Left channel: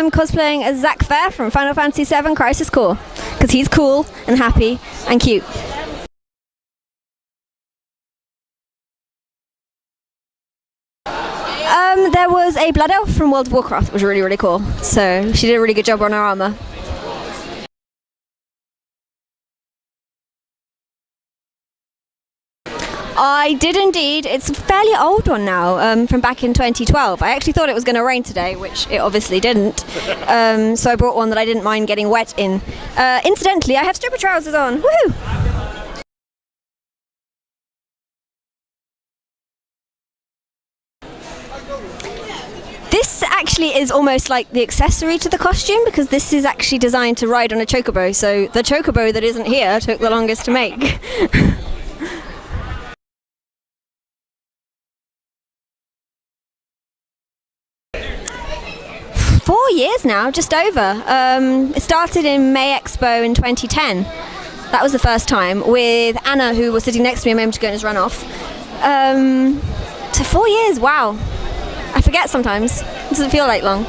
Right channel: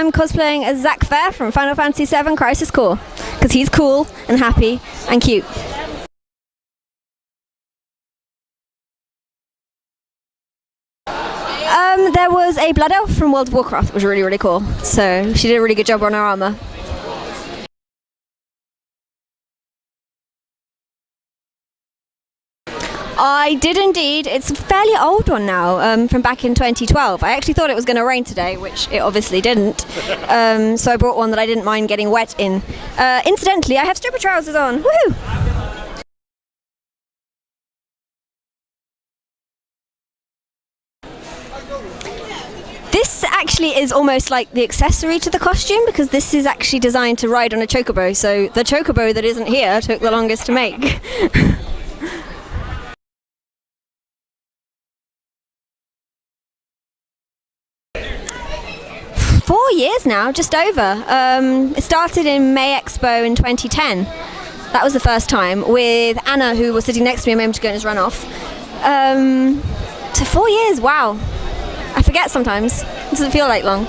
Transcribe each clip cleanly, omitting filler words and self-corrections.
I'm cosplaying as Zack Fair from Final Fantasy VII Crisis Core, because he's cool and happy and cute. There was a Blood Elf from World of Warcraft that was really, really cool, so she did a really good job on her armour. I did indeed. It's a fairly old one now, from back in 2012. I actually thought it was going to rain today, which it obviously didn't. So I brought one that I didn't mind getting wet in. Incidentally, I have stripper trousers on. Woohoo! This actually is almost like the accessory to the costume, because this is actually designed to ride on a chocobo. So the chocobo that isn't here took the longest to make. 4 years now, just over. It started in May Expo in 2010. That was the first time, with Anna, who was sitting next to me a moment ago in his runoff. So 4 years, wow. I forget sometimes. It doesn't feel like long.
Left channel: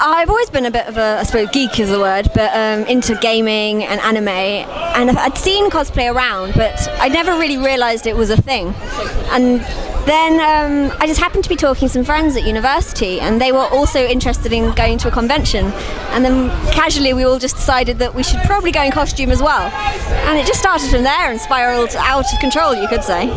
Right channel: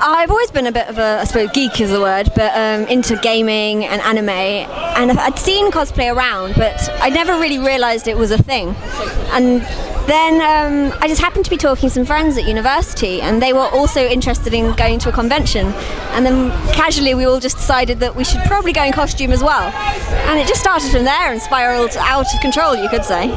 I've always been a bit of a, I suppose geek is the word, but into gaming and anime, and I'd seen cosplay around, but I never really realised it was a thing. And then I just happened to be talking to some friends at university, and they were also interested in going to a convention, and then casually we all just decided that we should probably go in costume as well. And it just started from there and spiralled out of control, you could say.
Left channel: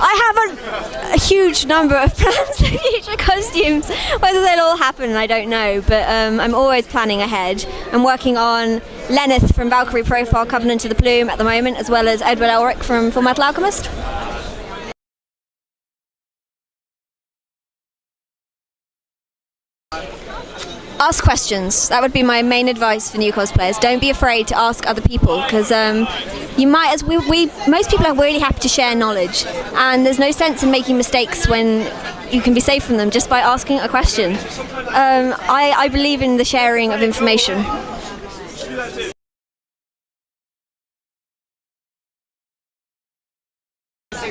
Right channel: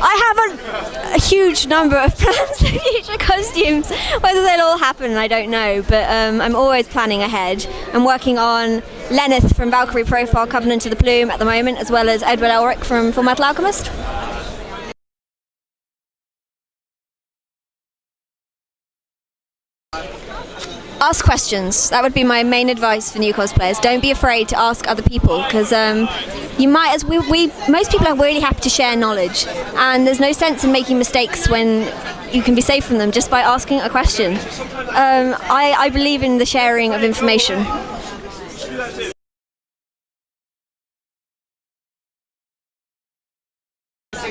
I have a huge number of plans for future costumes. Whether they'll all happen, I don't know, but I'm always planning ahead. I'm working on Lenneth from Valkyrie Profile Covenant of the Plume at the moment, as well as Edward Elric from Full Metal Alchemist. Ask questions. That would be my main advice for new cosplayers. Don't be afraid to ask other people, because you might, as most people are really happy to share knowledge, and there's no sense in making mistakes when you can be safe from them just by asking a question. I believe in the sharing of information.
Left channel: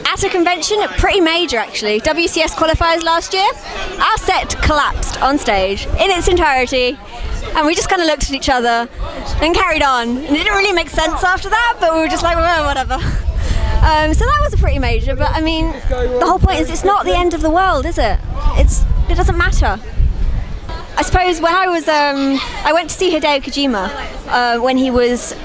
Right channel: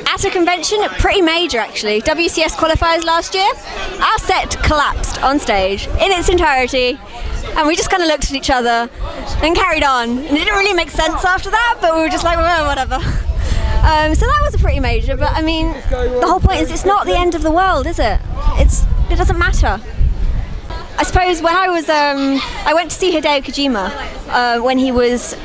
At a convention, pretty major actually. WCS qualifiers last year, our set collapsed on stage in its entirety, and we just kind of looked at each other and carried on. And it didn't really make sense after that, but we were just like, well, whatever. So that was a pretty major, but I mean, the whole point is it's not the end of the world, is it? It doesn't matter. I suppose when I went to see Hideo Kojima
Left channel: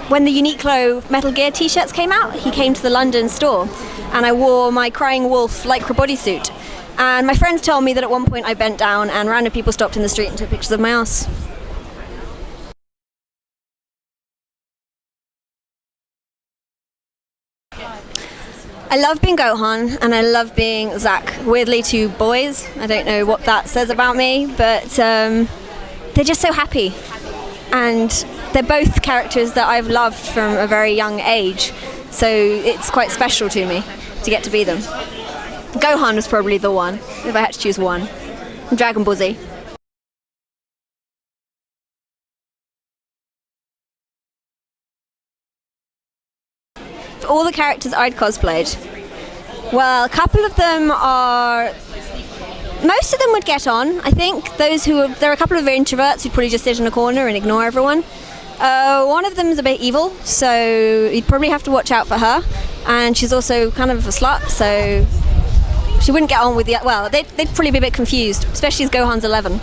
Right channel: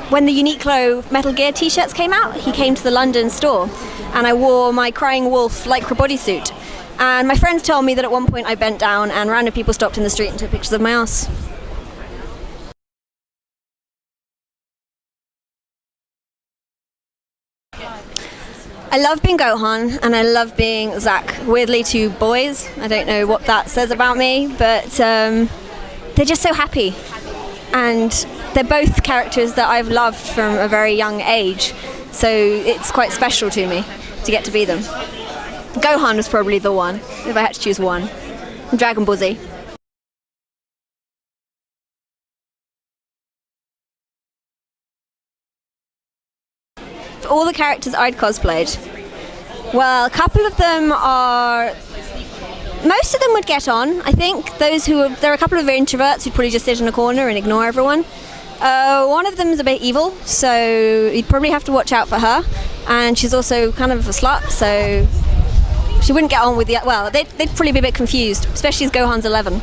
when the Uniqlo Metal Gear t-shirts came out. He came to the London store, and I wore my Crying Wolf lycra bodysuit. And my friends told me that at one point I bent down and random people stopped in the street and took pictures of my ass. I love being Gohan, and I love being Zack. Weirdly, two boys. I don't know what that says about me, but they're just so happy. And they're both characters that I've loved from a very young age, so it's quite special to me to get to be them. Gohan was probably the one, if I had to choose one. Dragon Ball Z. All the characters I'd cosplayed, well, a couple of them are, most of them would get on. I think there are a couple of introverts who'd probably just sit in a corner and ignore everyone. One of them is a bit evil, so you'd probably have to watch out for her, and she's also kind of a slut, so she wouldn't get on with the, well, they'd probably be a bit confused, especially as Gohan's 11.